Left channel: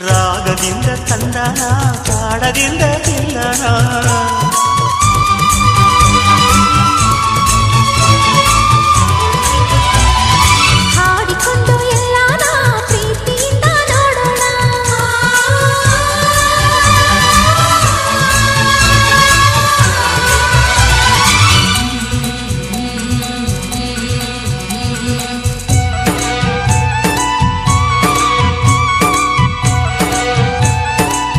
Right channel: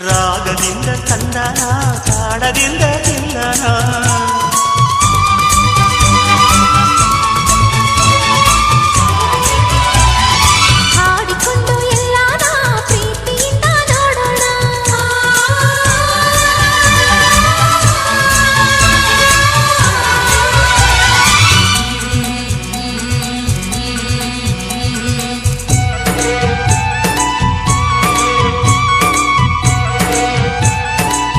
ರಾಗದಿಂದ ತಂದನ ತಾಡದಿಂದ ತಿಲ್ಲನ